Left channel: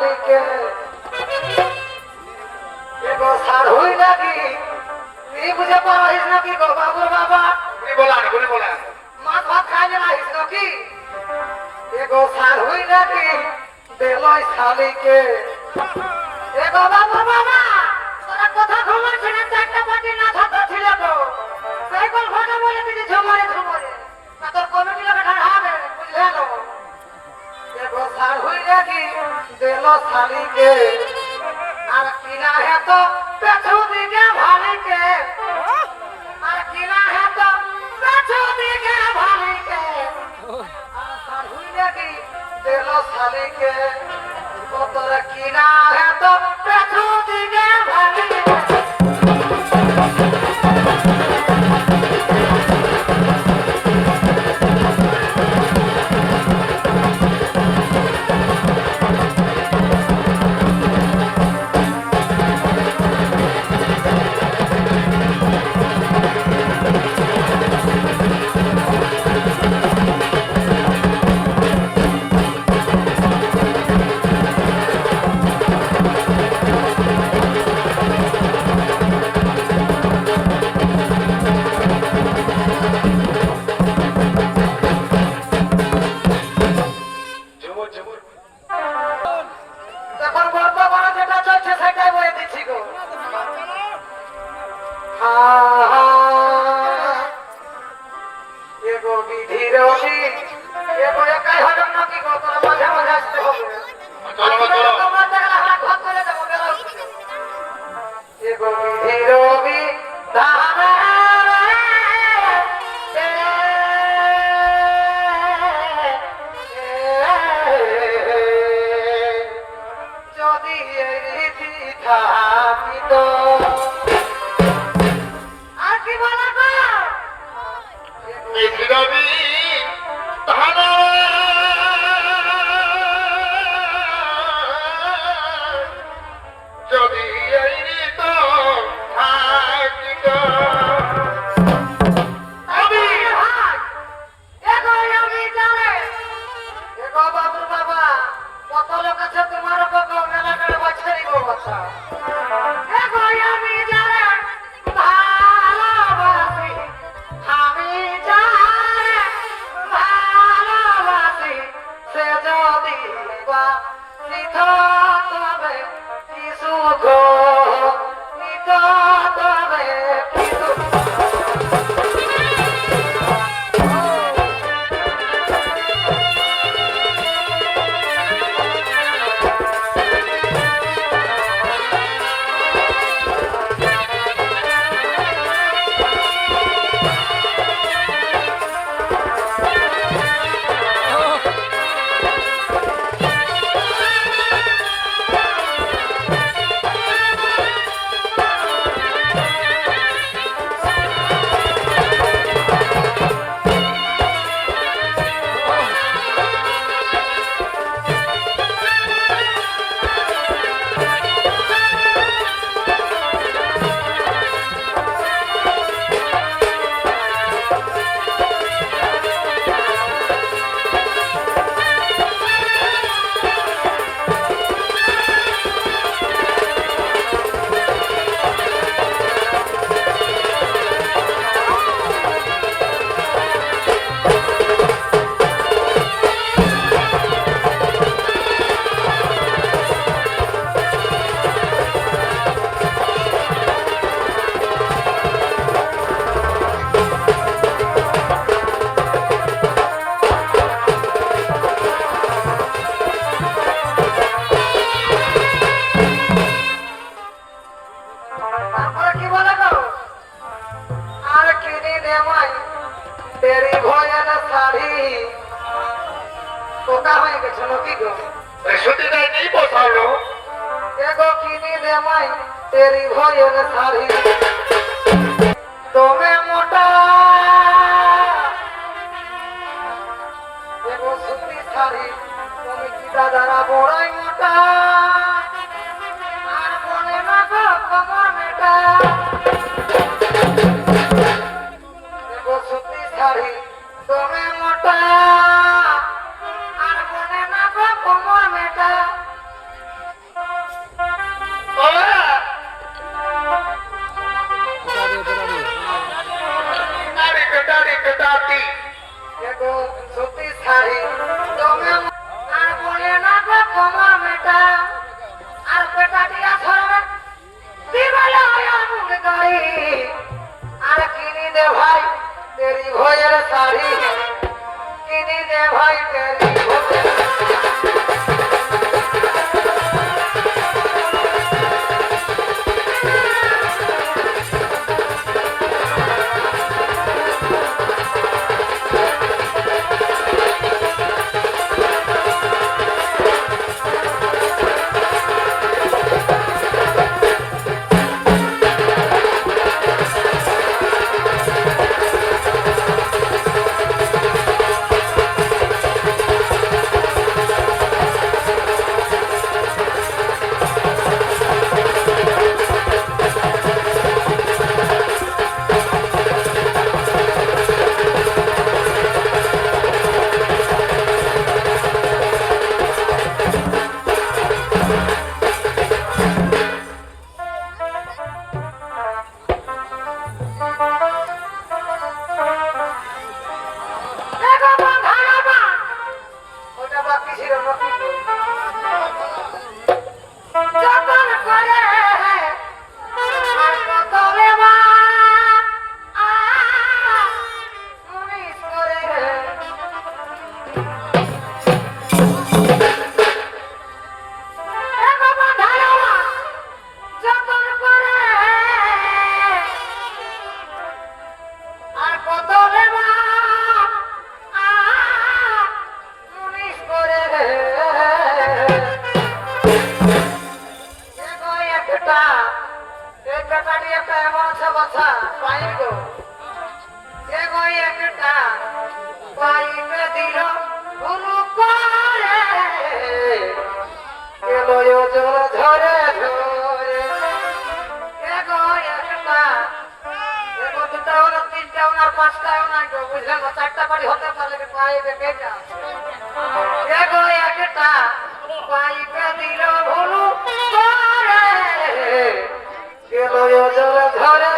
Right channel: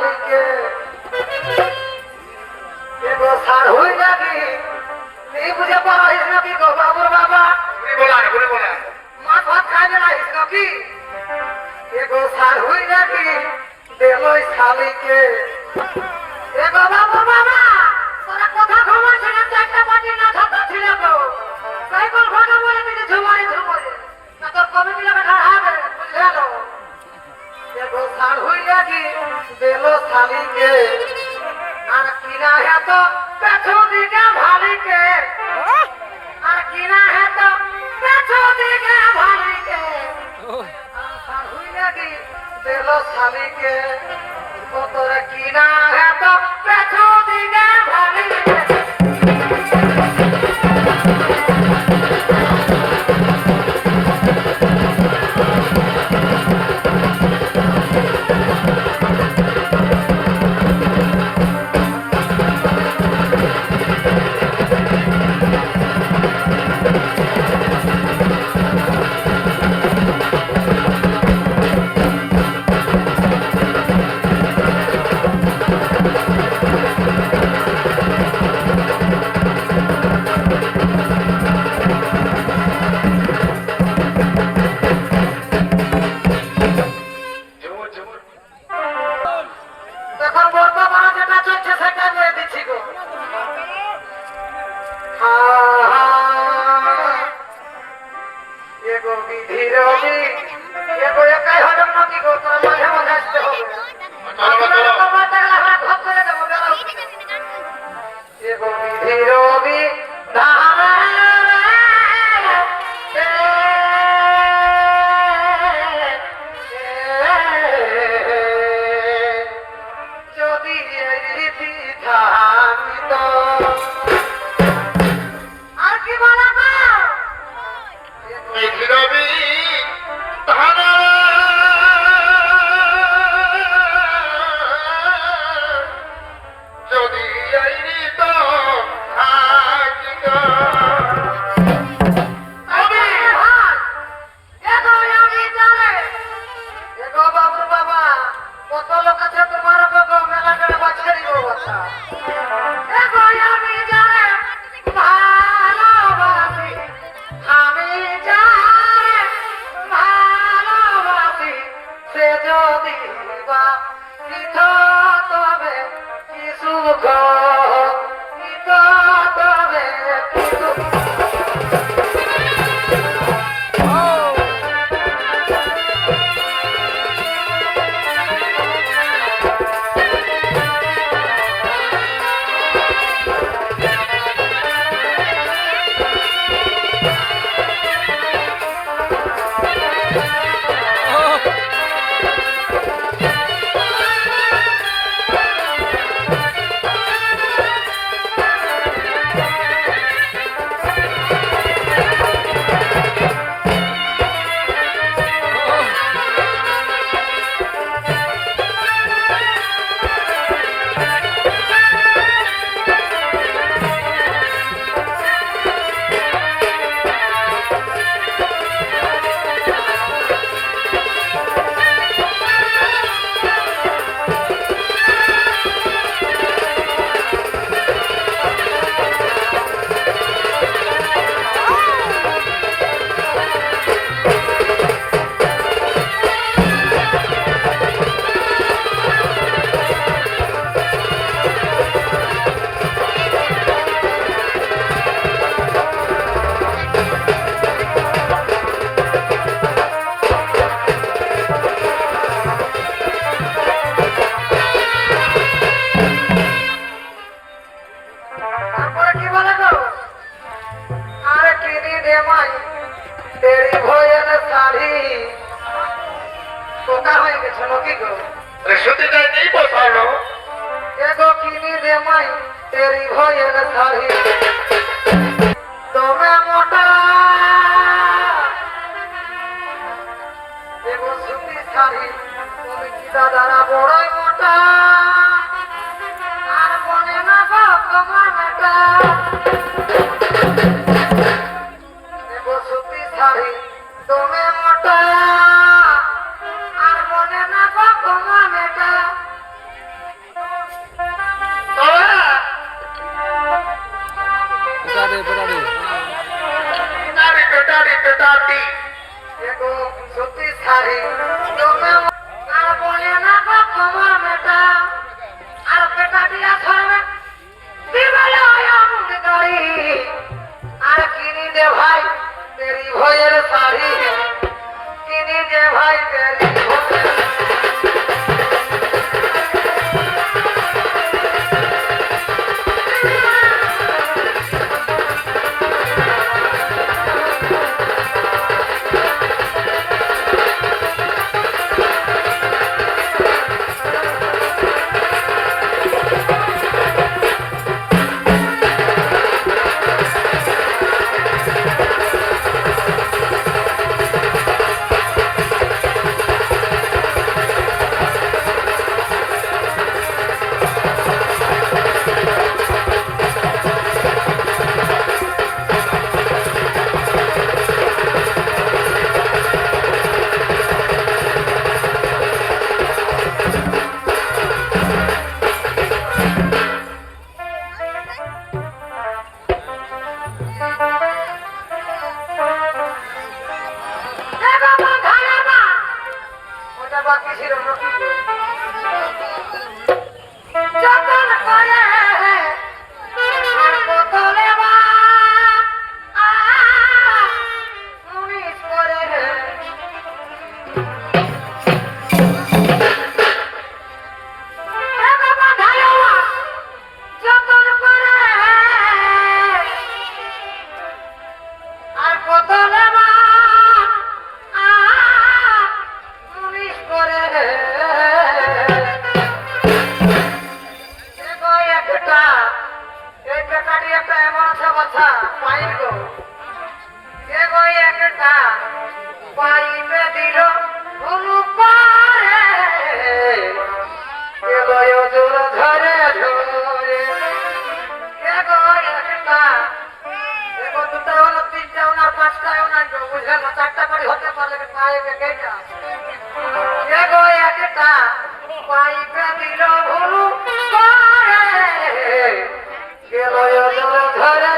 শালিকে এগো সার হই লাগি নি বুঝে পাইস নাকি গো বাবুর বাবা বলে বলা মাছ ভাত খাইলে নাইস নাকি এগো সার হই লাগি দেলই শালিকে এগো বাবুর বাবা তোরা কথা খবর শুনে চারটা পাটি না ছাতা ছিল তো সাইকেল ঘোড়া বলে দিদি ঝুমারে না তোর কমিটি লোকে ঢাড়াবে বুঝলে তো এগো সার হই লাগি দেল শালিকে আর কিনা হে তো পেছু দিকে ভালিকে আর কিনা হে তো পেছু দিকে ভালিকে আর সার হই লাগি দেল শালিকে ও তোরা কিনা হে তো পেছু দিকে ভালিকে तेरी भोजन थाली तुम्हें मोटा देखो सुती थाली तुम्हें किदा दाना बोड़ा मोटा आर बने ना गो कमर मेटा देखो सुती थाली तुम्हें मोटा आर बने ना गो कमर मेटा বেটাটি এগো সত্যি সারি তুমি আর বলে না গো তোমার মেটা আর বেটা দিয়া ধরবে দিবালে আমুক গড়ি আর কিনি দে ভাই তেরি ভয়ের শাড়ি কিনি দে ভাই তেরি ভয়ের বাকি ছিল যতন করে আর বোতলে মা উনিশ করে যতন করে আর বোতলে মা চারটা বাড়ি হতে পারলে পাইবে কেটা এগো একটা পাইবে দিল ভুলু করে গেল ধরে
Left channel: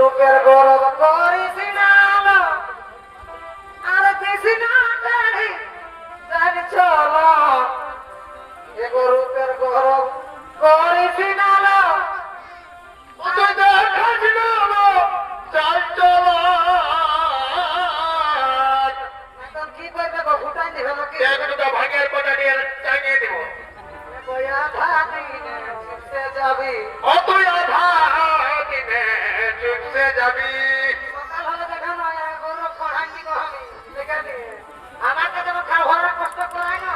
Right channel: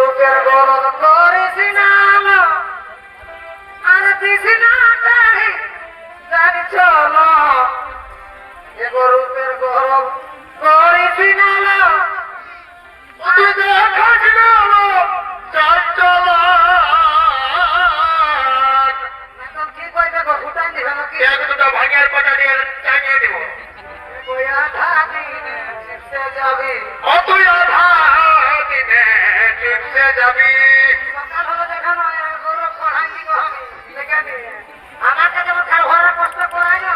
রূপের গরব করিস না আর দিস না জানি চলো এগো রূপের গরব করিস না কি কইবে গো ফুটান দিবে নাকি এক দুটা ভাগের পাটা দিয়ে টাঙিয়ে দিব কই আধা দিনে চিপসে যাবি ও তুই আধা দিনে চিপসে যাবি সকাল হলো দেখানো গরু পড়াঙ্গি গো আমি দেখে আমাকে যেমন খার ঘরে কষ্ট করাই না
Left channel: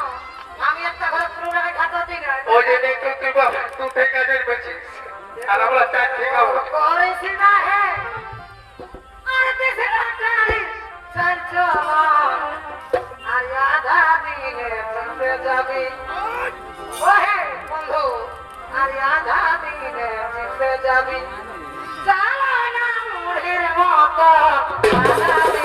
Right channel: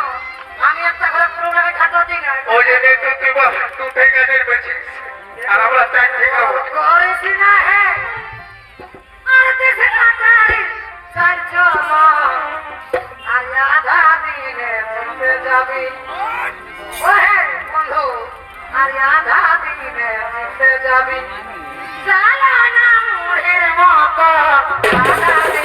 আমি একটা ঘরে প্রবলেমে খাটো দিই না ওই যে তুই তুই থেকে দিবছিস আর আমরা তাই ঠিক হবে করিস না হে আর দেশে লাটাই চাই চলো আর আধা দিনে চিপসে যাবি ওহে বন্ধু আর আধা দিনে চিপসে যাবি চালা না মুড়ির মতো আধা দিনে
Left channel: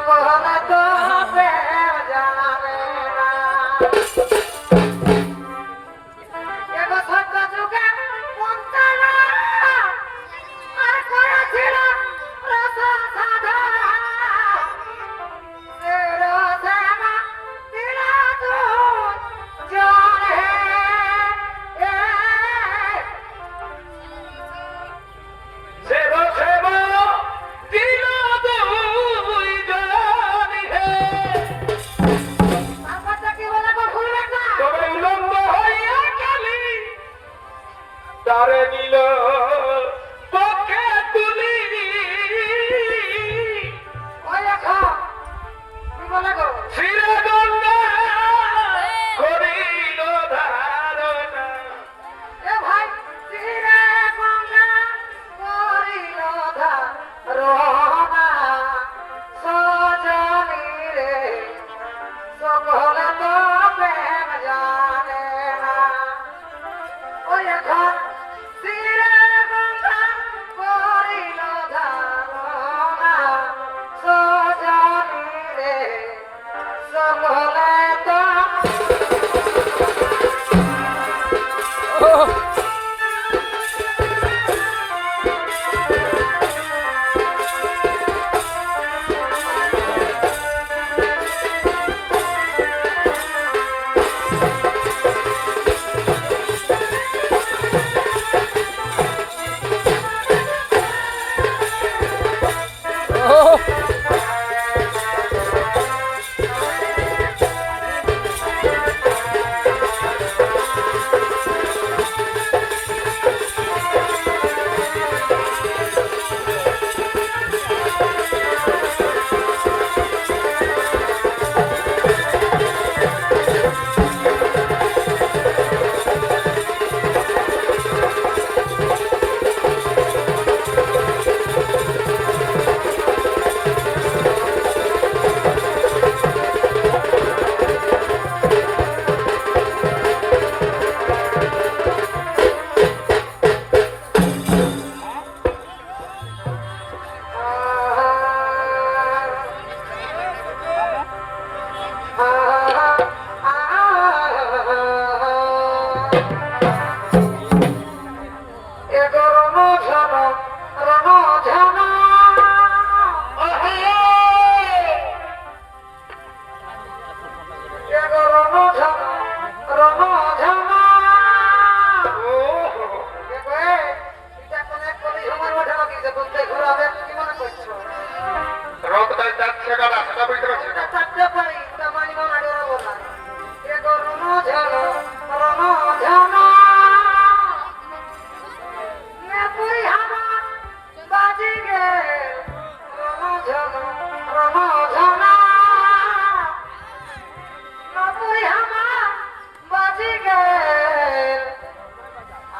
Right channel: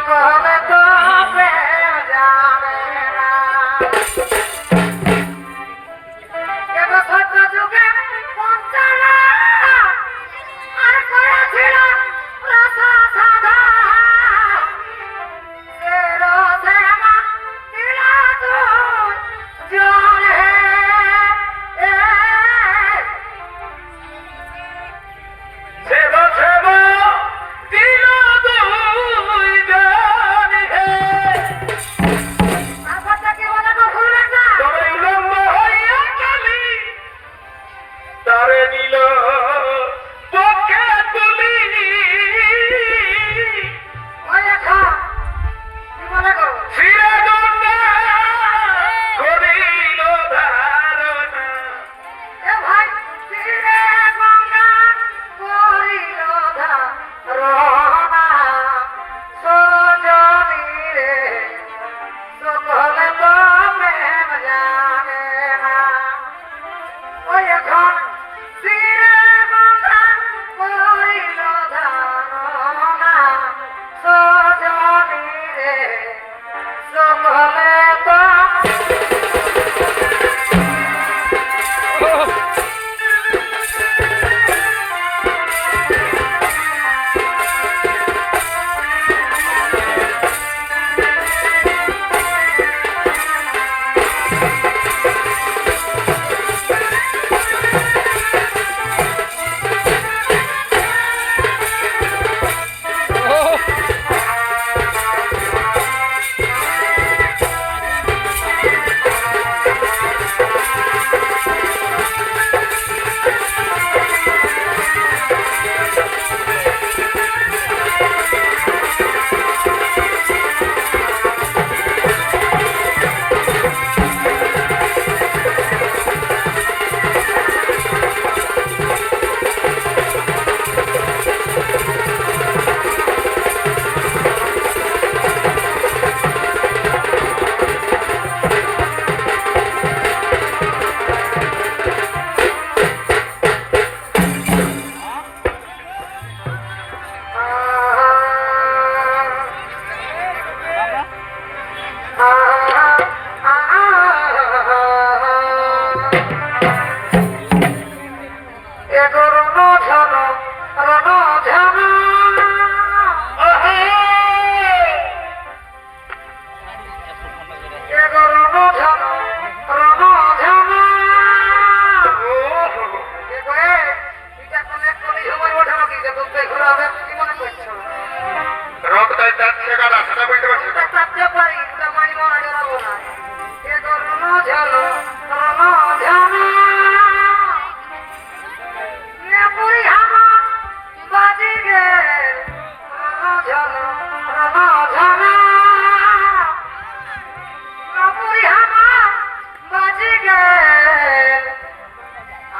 সকলে তো প্রেম জানে না এগো সত্য যুগে পঞ্চানা আর করেছিল রস সাধা রসে আমার দিলা তুই জলে সেবা সেবা দিল দুই জানি হে তারপরটা কি বলে গো ভুলবেন না তবে উলম্ব হইয়া কালি তারে নিল পক্ষে তুলি ওই দেখা কি বলে গো ফিরে গঙ্গা করিল ধারণা এ ভাই তীরে গঙ্গা করিল ধারণা সজনী রে সকলে তো প্রেম জানে না ওই এখন তীরে গঙ্গা করিল ধারণা সজনী রে সকলে তো রক্তায় যাচ্ছে গাড়া সেটা বুঝতে পারছি না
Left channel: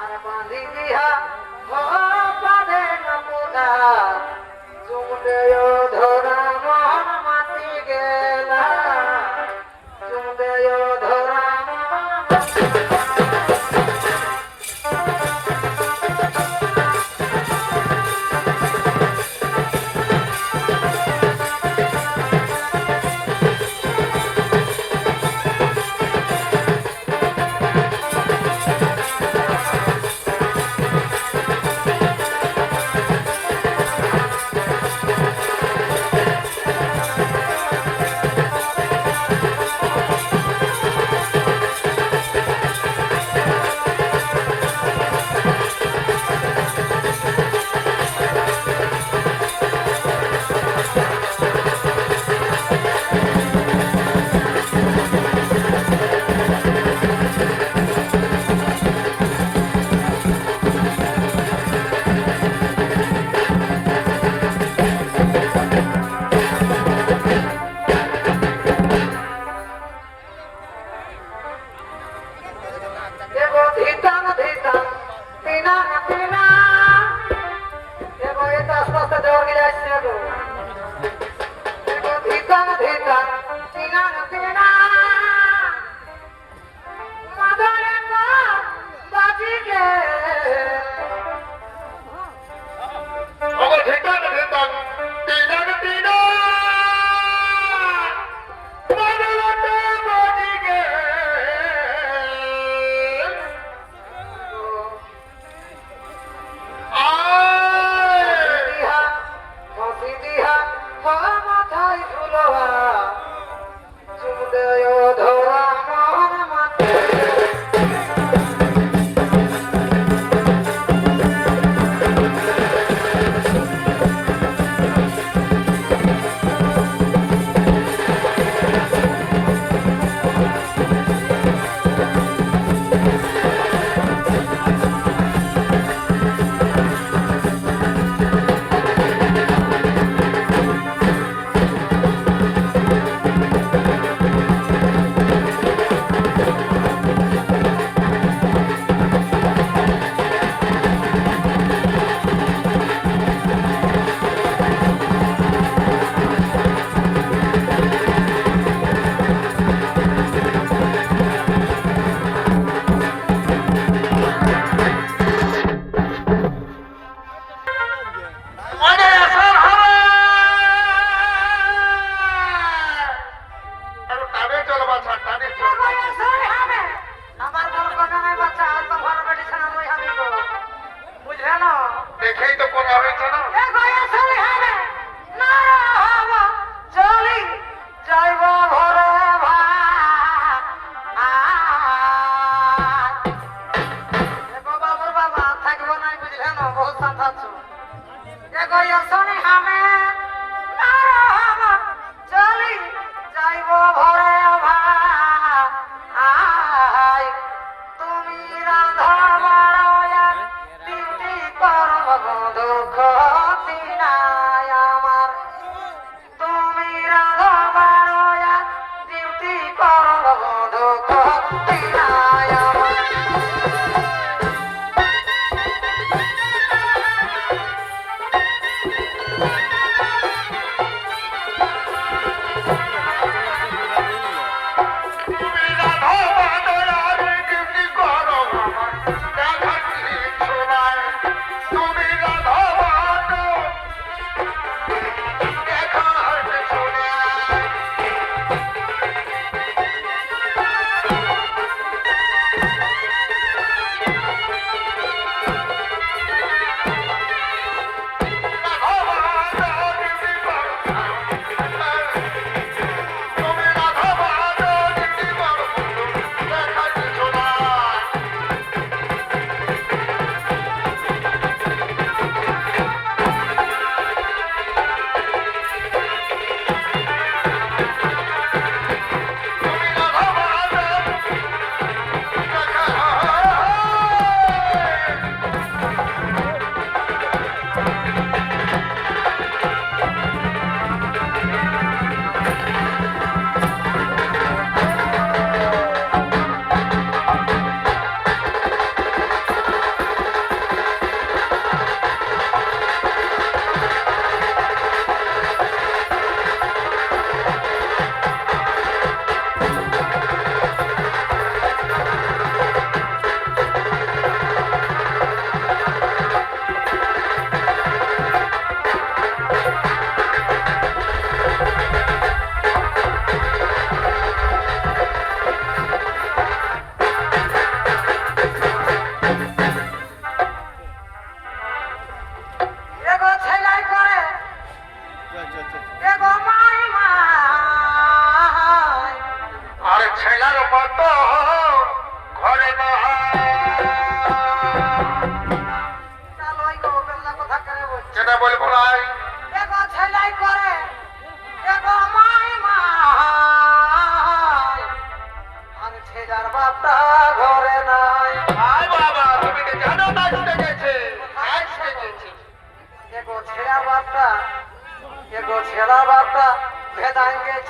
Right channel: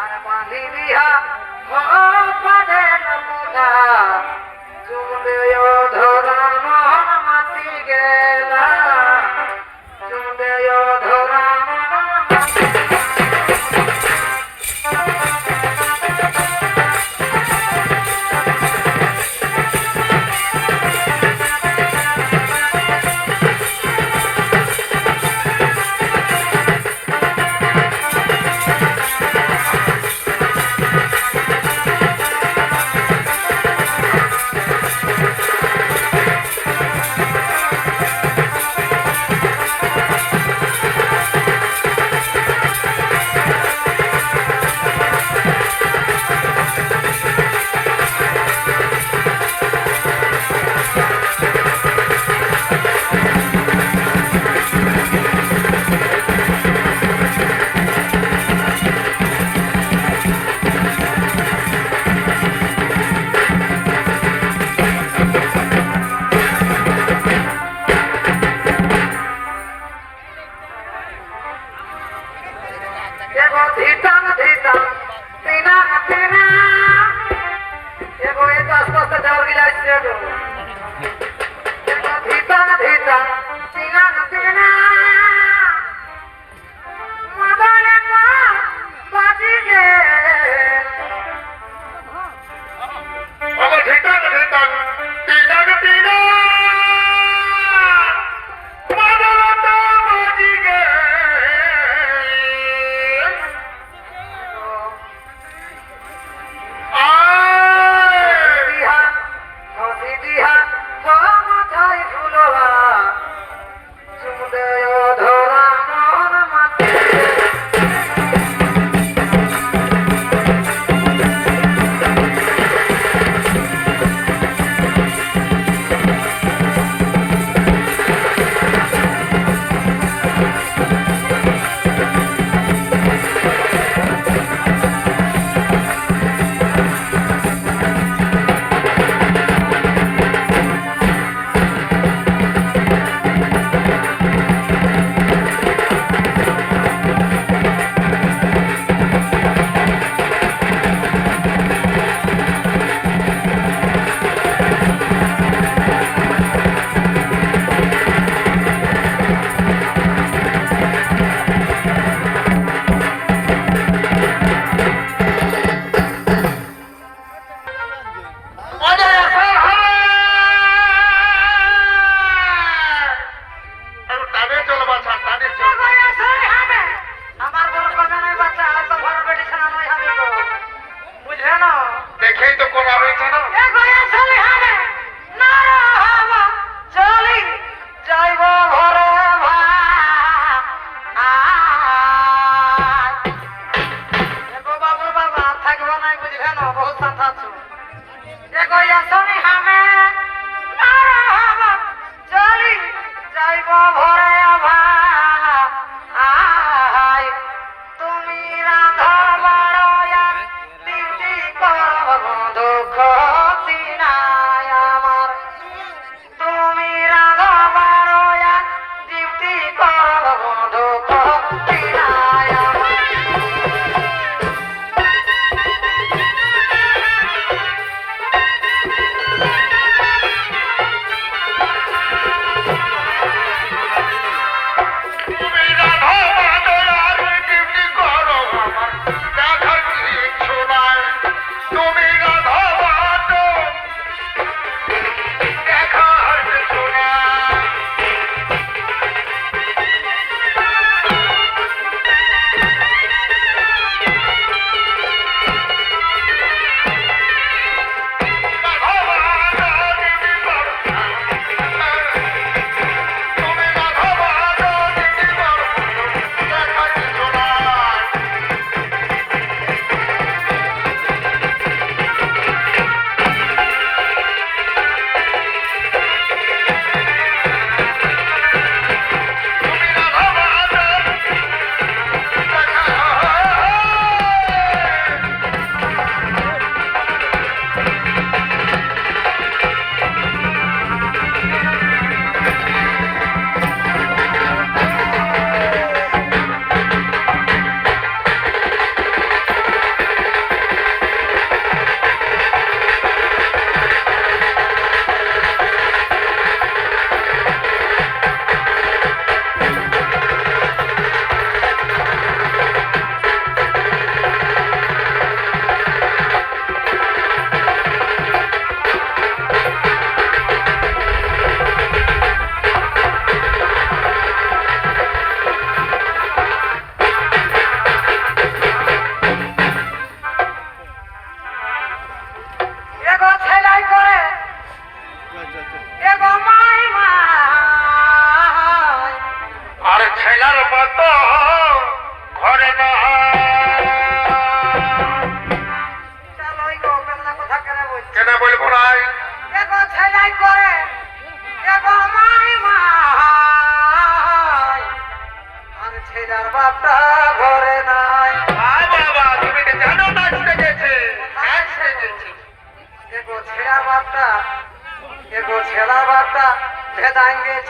আর বাঁধি দিয়া পদে নমুনা চুমে ধরা মন মাতি গেলা চুমে ধরা মন মাতি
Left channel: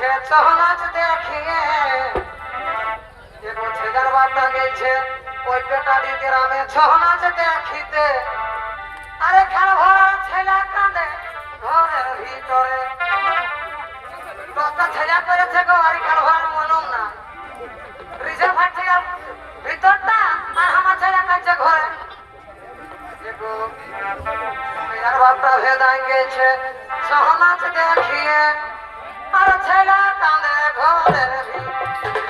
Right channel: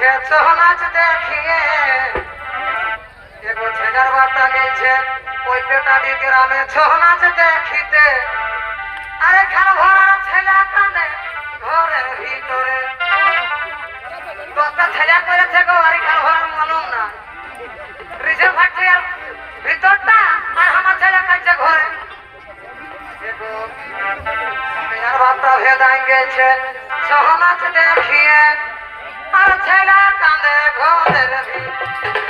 গেছে ছৌ নাচ দেখিয়ে এগো ছেলের বাটা গেছে ওই পেটাডি গ্রামে ছৌ নাচ দেখিতে আরে ঘর ভরা ছেলে কাঁদে ঘরের ভিতরে দশটা ছেলে করেছে গো আর ঘর ভরার মনও না রিজার্ভ ফ্যাক্টরির ভিতরটা আর আমার ছেলে কাঁদছে ঘরে এগো মেয়ের বাটা ভেদাই গেছে ছৌ নাচ দেখিয়ে আর ছেলে কাঁদে ঘরের ভিতরে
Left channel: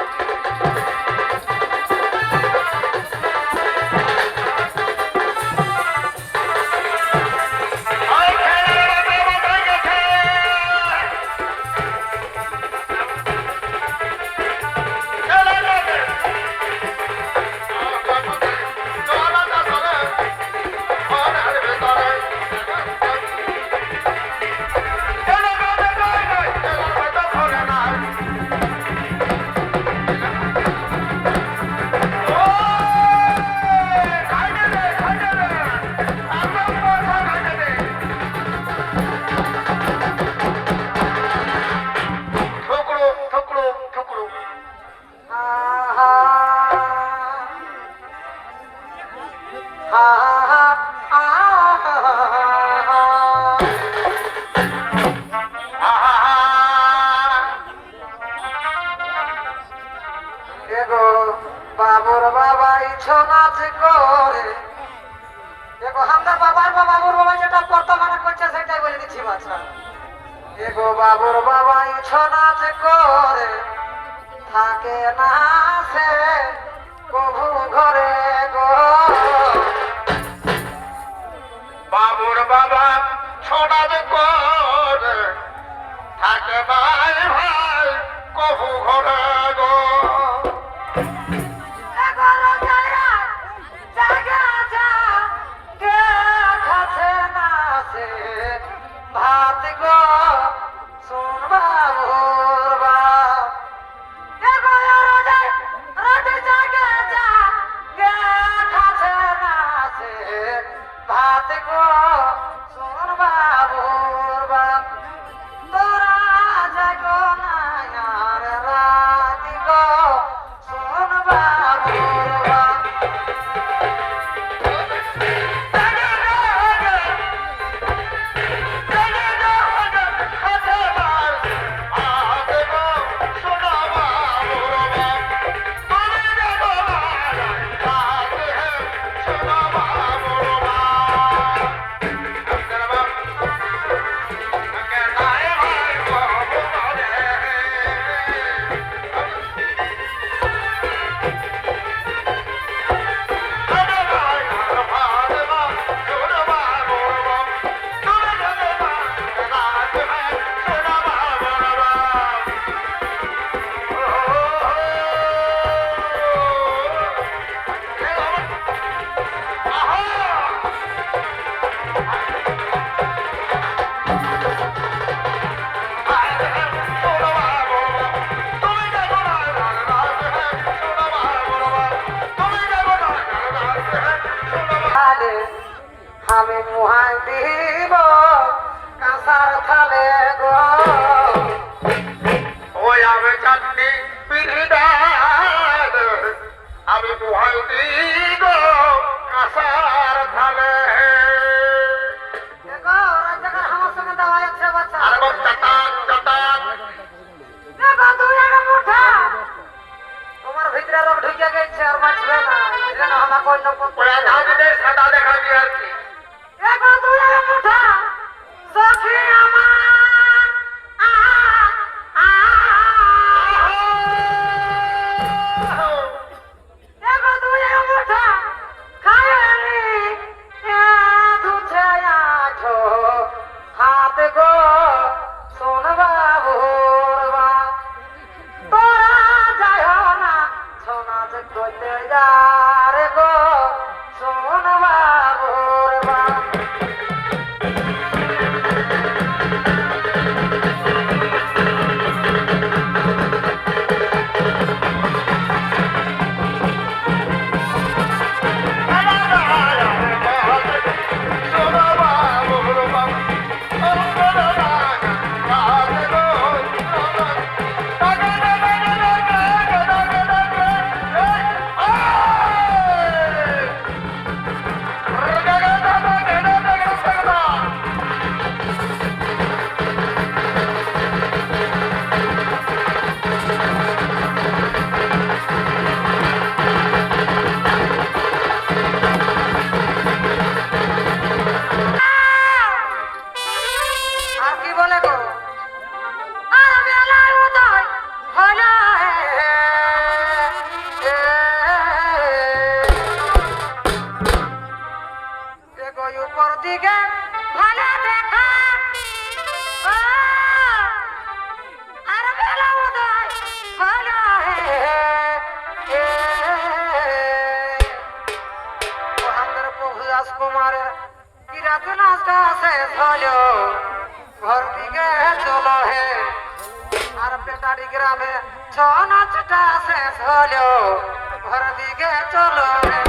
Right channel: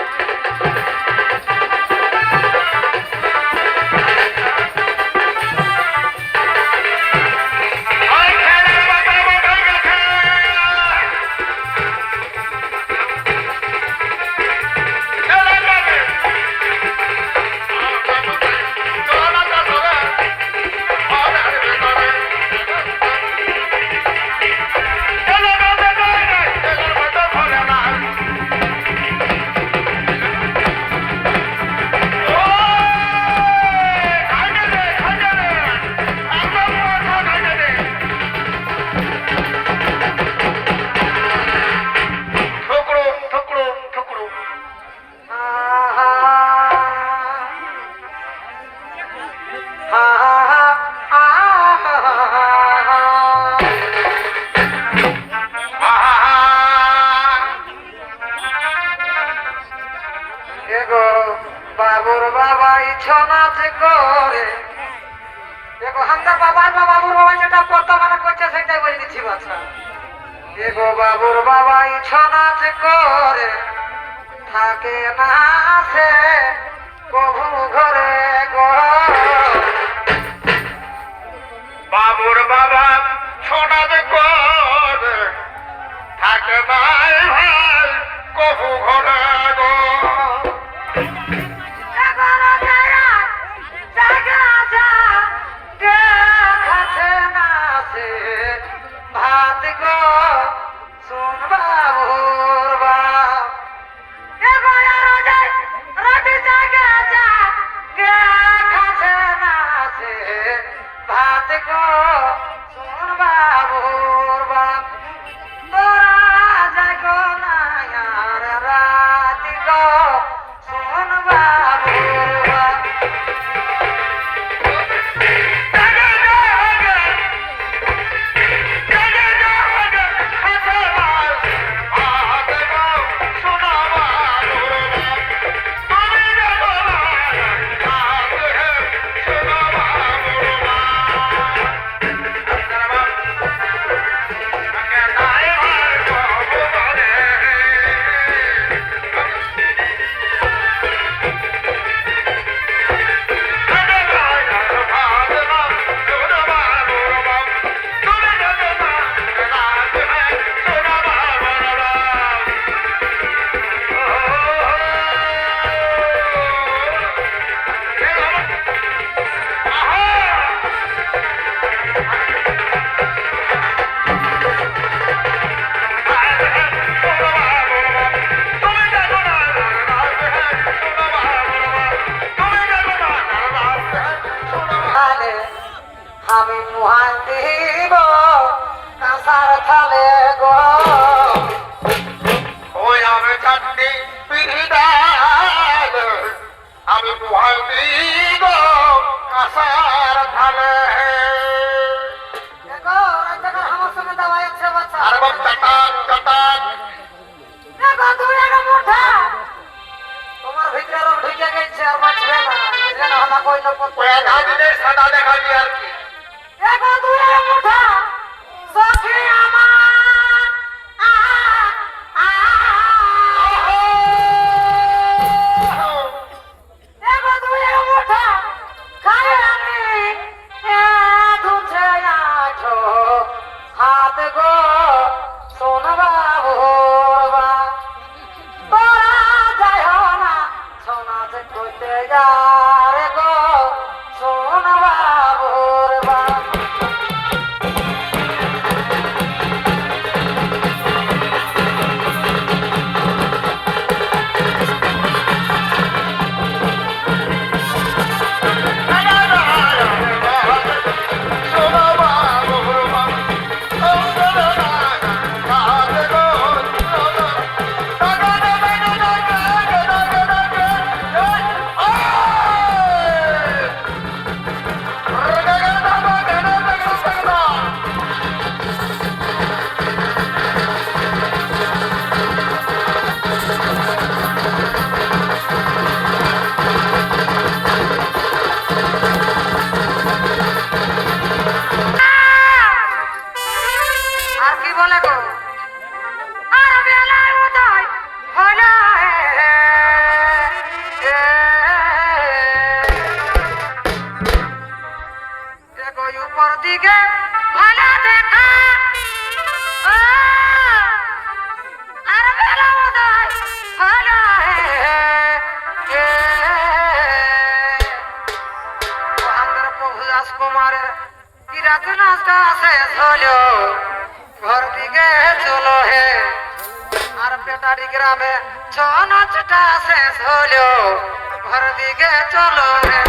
এগো বাবুর বাবাই ছৌ নাচ করে এগো আমরা বাবার বাবুর বাবা যেটা বর্তমানে করছে সেটাই বলে দিচ্ছি বাচ্চা এগো বাবুর বাবাই ছৌ নাচ করে থাকে না সে কভু ঘরে গো বাবুর বাবা ছোটা করে থাকে ভাই ভাই কবু ঘরে গো ভাত গো শোন বাবুর বা রাতে জাগা যা গে খাছে হলো ঘর দিকে চলো হে আর পেটারি গ্রামে ছৌ নাচটা শেষ হলো ঘর দিকে চলো হে